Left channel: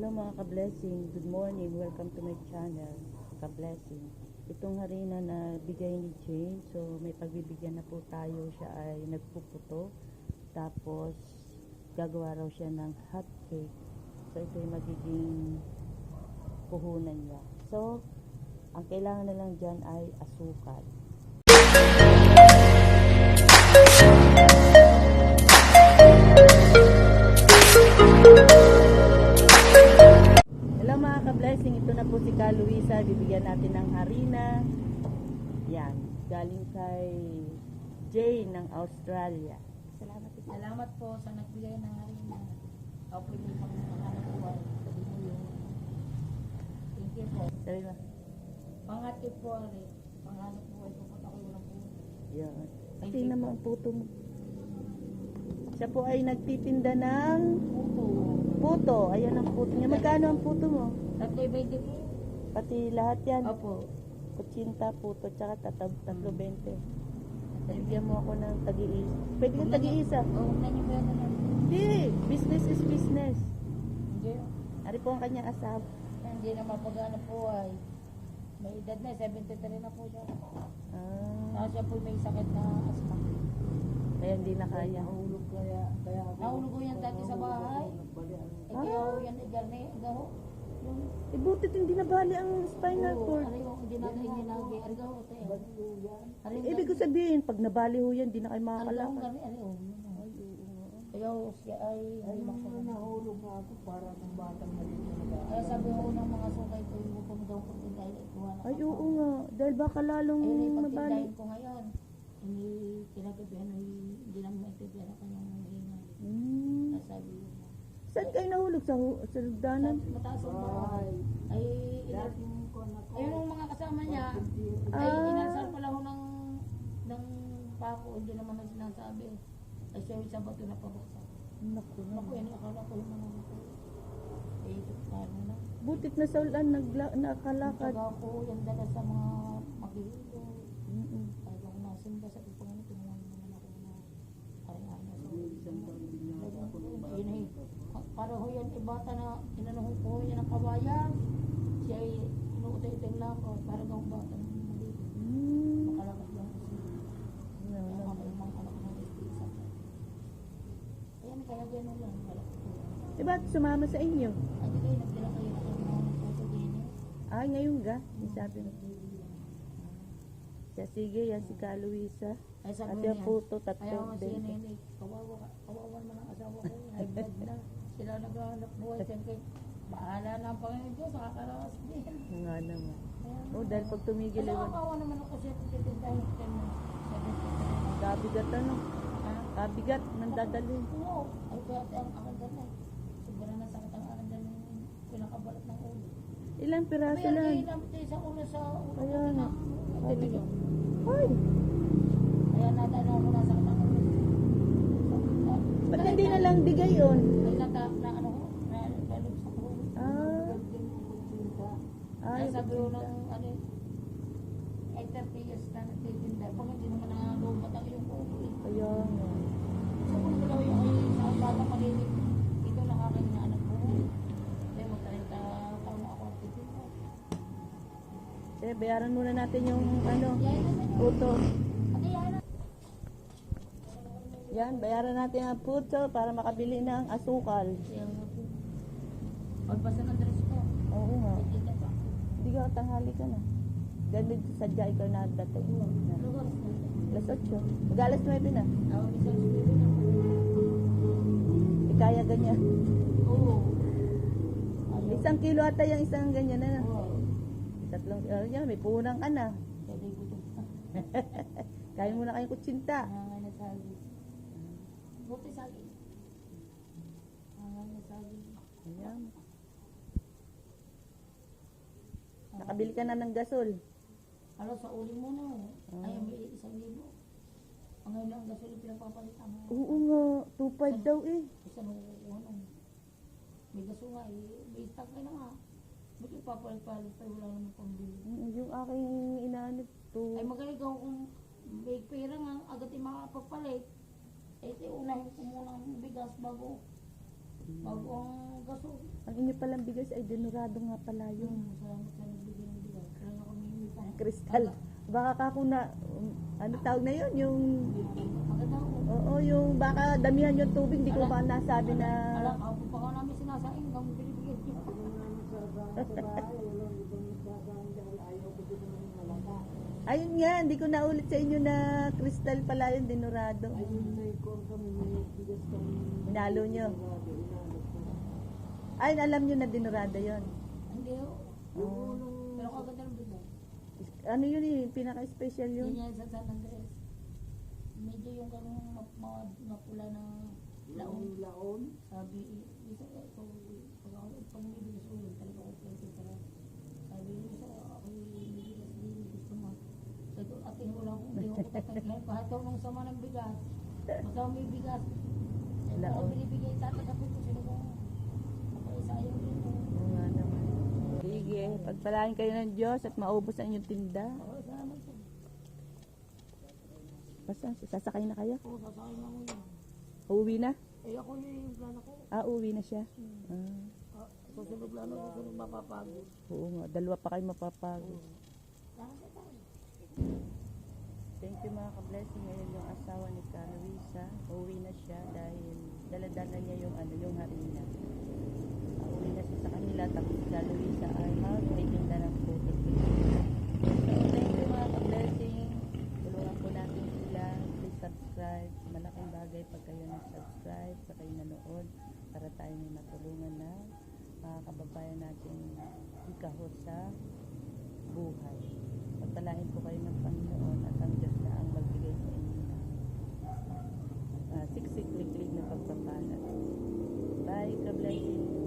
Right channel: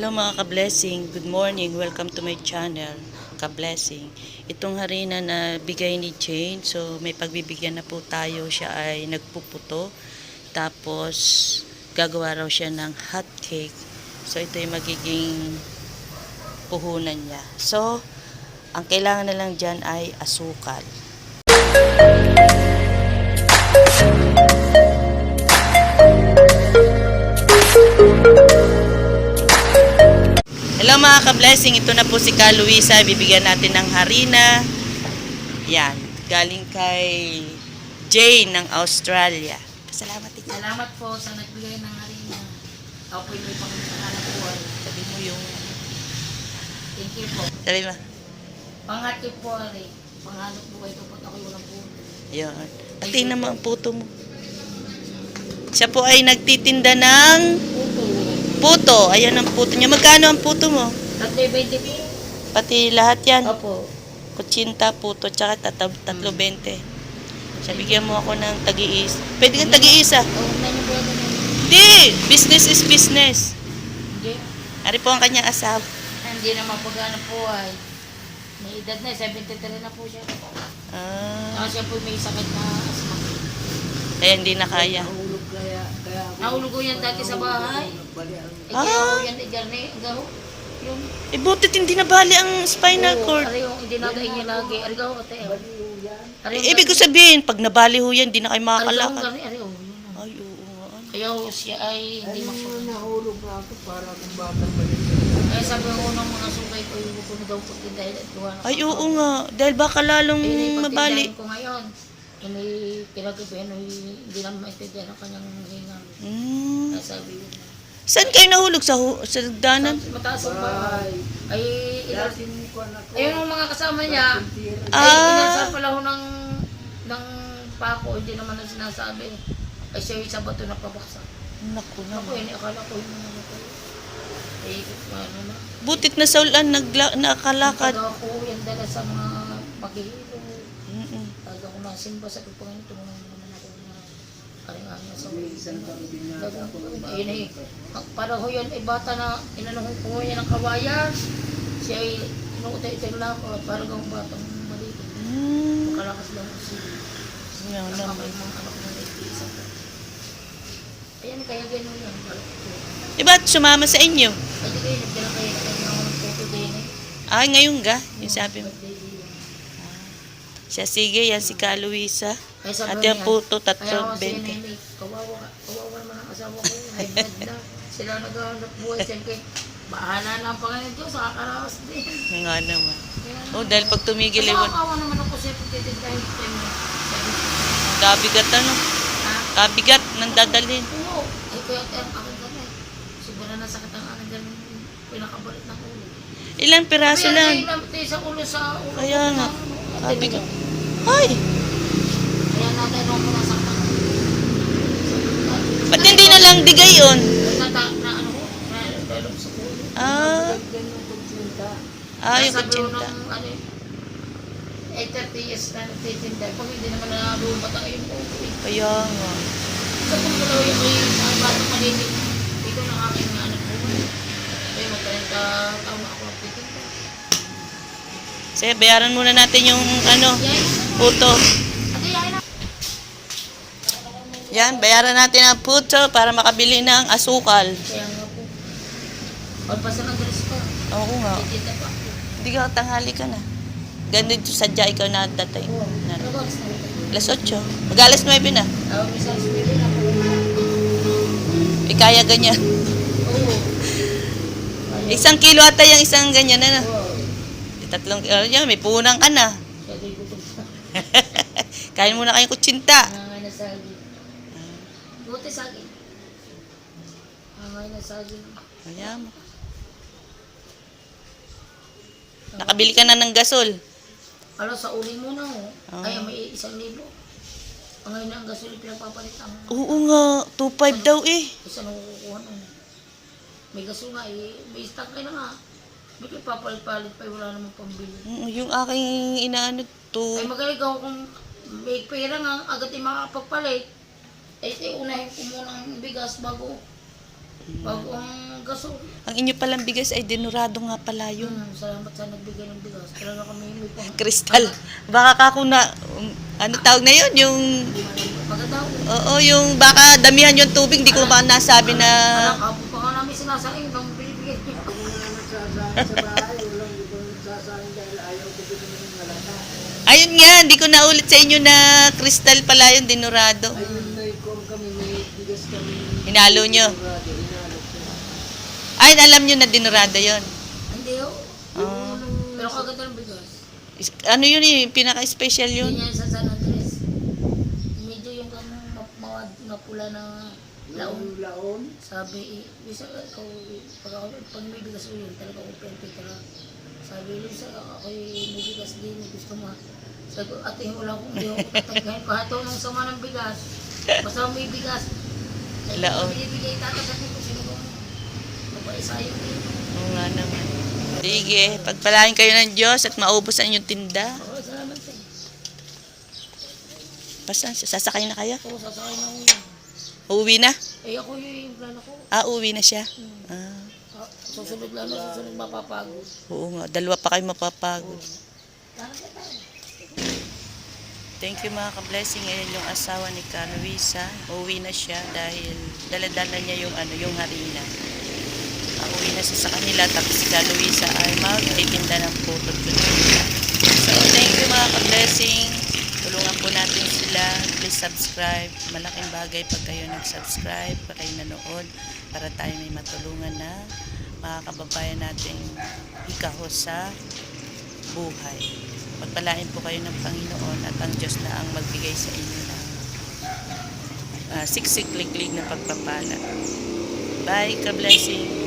Hello mga ka-blessing, good morning, welcome to my channel, ka-blessing. Itong harina na bigay ni Jane, so may pagbibigyan na po tayo, siya ay nagpuputo, tapos gagawa raw siya ng hot cake. So ito yung magiging puhunan niya. So, ang kailangan na lang dyan ay asukal. Hello mga ka-blessing, ito na po si Ka Luisa, bibigyan natin ng harina. Yan, galing kay Jane ng Australia. Salamat ikaw. Salamat po sa nagbigay ng harina. Ako po may panghanap buhay. Sabi mo yung... Thank you po. Sabi mo? Panghatid po ari. Panghanap buhay ko po. Ako'y walang buhay. Yan. Pati naman ang puto mo. Siya po ay nagtitinda ng... Puto. Puto. Ayan ang puto niya. Magkano ang puto mo? 3.20 po. Pati lahat yan. Opo. Kutsinta, puto, tsaka 3.20. Siya, bigyan mo ako ng tagi-is. Pwede kang tagi-isa. Oo, may nabuhay na naman. Hindi! Business is business. Hindi. Ari po ang kanyang asawa. Hindi na mapaghanap buhay. May edad na, 73 na po siya. Ah, Saka siya po may sakit na asma. kaya hindi na kaya. Nahulog ko yan dati sa bahay. Ah. Kaya ako yan, igarne, gaho. Yung Butit hindi nabali ang spinal cord. Ari yung hindi nagain niya lagi. Ari gaho, ate. Ibig ko sabihin, pag nabali ho yan, hindi na kayo makakalakad. Ari, yun. Ay, oo nga. Kaya siya ay hindi makapagano. Nahulog na ako para kung batang balik. Kaya sabi ko ng mga sukay ko, yung ko na daw pagtindahin at gawa na. Ay, oo nga. Dahil baka lalong Ayun ay mabali. pagtindahin ko ngayon. Hindi kinagibin, hindi naman maintindihan ang kanyang hingang. Kaya sabi ko na. Saan kayo nahulog? Sa danan? Mataas ang bahay. Ay, Dating ko na ko. ayun ang mga kasama niya. Ay, Ah. inasal pala ho ng pako, hindi naman na sinasabi. Ay, siya yung sa bato na pabaksak. Naku Ako naman. yun, akala ko yung mga ko. Ay, ano na. Butit na sa ulan, nakalakad. Taga ko, yan dala sa mga maghihilo. Mm-mm. Taga ko na simba sa pagpangin, tumulong naman ako na aring-aring sa Isang taon din na ako. ayun eh. Para ho yun, ay bata na inanong ko niya ng kawayan. Siya ay inuutay-utay lang ako, para gawang batang maliit. Makalakas lang ako siya. Yan Ang naman. kamay mga anak na nag-iisa ko. Ayan, kaya gano'n yan. Ba't sumama sa inyo? Ay, di kayo, nagdala kayo na kayo ng photo din eh. Ay, ngayon ga? Yung sabi mo. Birthday din. Siya, sige, yan si Ka Luisa. Ay, sabi At niya, yan puto, kaya ako siya 3.20. nanay, kawawa naman ang asawa ko. Ay, bad na. Sila naghahanap buhay siya kay bahala na ang Panginoon Diyos, nakakaraos din. Nga naman. Kaya, Oh, dahil pag tumigil, kasi ewan. nakakawa naman ako siya pagtitindahin ko kayo. Sabi ko, Kabigat ano? ha? Kabigat nang dadalhin. Oo. Ay, kaya ang akin ganun. Sobrang nasakit ang akin ganun. Pinakabalit ng ulo. Ilang piraso Kaya lang. natin sa ulo sa ulo. Kaya nga. Sabi ko. Kaya Ay, natin ako nasaktan. ba't hindi na lang digay yun? Natatak na ano ko. Nalulog sa ulo. Ah, yung Sabi ko kutsinta. ng ano, 30 years na nagtitinda. Pag hindi naman nalulubot ang iyong ulo. Kaya nga. So kung wala yung ang batang maliit, ikaw ng aking anak ko. Kaya mag-30 taon ako nagtitinda. Sige, bayaran muna natin yung ano, Yan. puto. Ate, yan na. Yan, bayaran natin ang puto para makabili ng asukal. Kaya nga po. Pagpasa ng dress ko. Oo nga. Titinda pa. Hindi ka tanghali ka na. Ganito sadya ikaw na datay. Ano ba? Alas na rin. Alas 8. Mag-alas 9 na. Tawag ni Sals Pili na po. Kaya ganyan. Oo. Isang kilo ata yung isang ganyan na. Oo. 3 kilo yan, may punang ka na. Siya din gutom sa. Kain muna kayong kutsinta. Angay na saging. Buti saging. Angay na saging. Ayan. Nakabili ka na ng gasol. Alo, sa uling muna ho. Ah. Ay, may 1,000. Angay na ang gasol pinagpapalitan. Oo nga, 2.5 daw eh. Isa na kukukuha nun. May gasol nga eh. May stock ka na nga. May papalit-palit pa wala namang pambili. Yung aking inaano Ay magaling ako kung may pera nga agad yung makapagpalit. Ay unahin ko muna ang bigas bago ang gasol. Ang inyo palang bigas ay dinurado nga pala yun. Salamat sa nagbigay ng bigas. Talaga kami may pang... Kristal. Baka kako na, ano tawag na yun? Yung, Maganda ko. oo, yung baka damihan yung tubig, di ko ba nasabi na, Alam, pa ka namin sinasaing nang binibigay niyo. Ako nga nagsasahin sa bahay, walang ibang nagsasahin dahil ayaw ko din ng malata. ayun nga, di ko naulit sa inyo na kristal pala yung dinurado. Ayun na ikong kami, may bigas kami. Hinalo nyo. Inalo ko. Ay, alam nyo na dinurado yon. Hindi oh. Oh. Pero kaganda ng bigas. Ano yun eh, pinaka-special yun. Yun yan sa San Andres. Medyo yung mawad na pula na laon. Laon. Sabi, bisa ako, pag may bigas ko yun, talaga ako perfect ka. Sabi, Lisa, ako may bigas din, gusto mo. Sabi ko, ate, wala akong hindi ako tatanggahin. Kahit ako nang sama ng bigas, basta may bigas. Sabi Laon. ko, binibigay tatagatin ko, sino ko, mapaisayang din. Oo nga naman. Sige, pagpalain kayo ng Diyos at maubos ang inyong tinda. Oo, salamat sa iyo. Basta, sasakay na kayo? Oo, sasakay na ako yun. Uuwi na? Eh, ako yung plano ko. Ah, uuwi na siya. Ah, Susunod lang, susunod mapapagod. oo nga, dalawa pa kayo mapapagod. Talaga tayo. Thank you mga ka-blessing. Ngayon yung asawa ni Ka Luisa, uuwi na siya dahil daladala niya yung yung harina. Uuwi na siya sa kanila tapos si Ka Luisa ay magtitinda ng putot. So thank you mga ka-blessing. Tulungan po natin sila. Please subscribe. Malaking bagay pag kayo nag-subscribe, pag kayo nanood para tayo may matulungan na mga kababayan natin ikahos sa buhay. Pagpalain po kayo ng Panginoon at ang Diyos na ang magbigay sa inyo ng siksik-liklik na pagpapala. Bye, ka-blessing.